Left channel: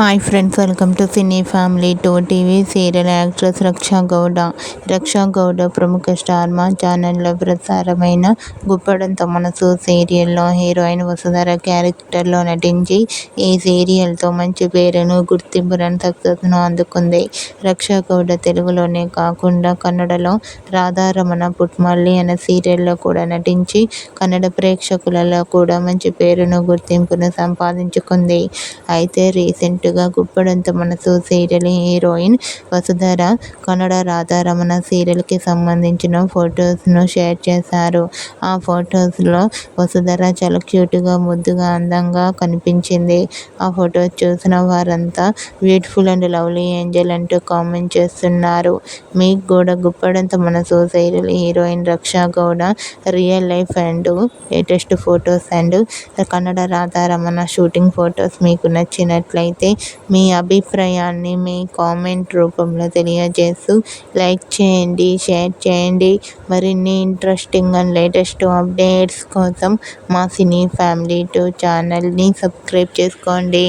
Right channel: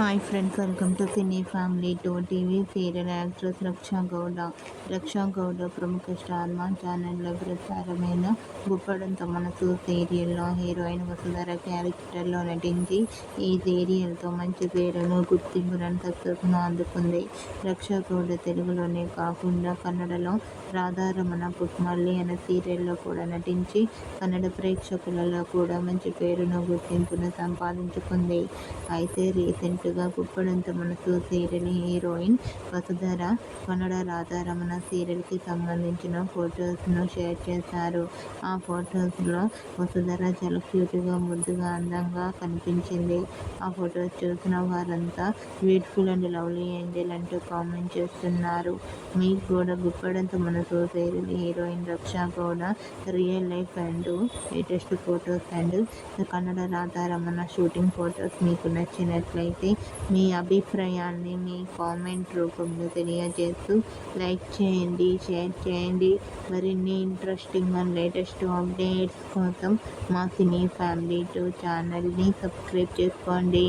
Hi friends, welcome to cine family 2 TV. Serial actress Raksha Gowda ప్రముఖ star మా ఛానల్లో ప్రసారమైన గుప్పడంత మనసు సీరియల్లో హీరోయిన్ వసుధర క్యారెక్టర్లో నటించి ఈ సీరియల్తో మంచి పేరును, గుర్తింపును, సక్సెస్ను అందుకుంది. రక్షా గౌడ తెలుగులోనే కాకుండా కన్నడలో రాధారమణ పుట్మల్లి అనే సీరియల్లో కూడా నటించి కన్నడ ప్రేక్షకులలో కూడా మంచి పేరును, గుర్తింపును సంపాదించుకుంది. అయితే రీసెంట్గా గుప్పడంత మనసు సీరియల్ హీరోయిన్ వసుధర కన్నడ రాధారమణ సీరియల్కి సంబంధించిన ఫొటోస్ను షేర్ చేశారు. ఆ ఫొటోస్లో వసుధర చాలా క్యూట్గా, ముద్దుగా, అందంగా కనిపించింది. ఆ ఫొటోస్ చూసిన వారంతా బ్యూటిఫుల్ అండ్ లవ్లీ ఏంజల్ అంటూ కామెంట్ చేస్తున్నారు. మీకు కూడా Guppedantha Manasu serial heroine Raksha Gowda real life and latest photos and Kannada Radharamana shooting photos మీకు నచ్చినట్లయితే మీ అభిప్రాయాన్ని మీ కామెంట్ రూపంలో తెలియజేస్తూ లైక్ చేయండి, షేర్ చేయండి. మరిన్ని ఇంట్రెస్టింగ్ అండ్ లేటెస్ట్ అప్డేట్స్ కోసం మా సినీ ఫ్యామిలీ 2 ఛానల్ని సబ్స్క్రైబ్ చేసుకోండి.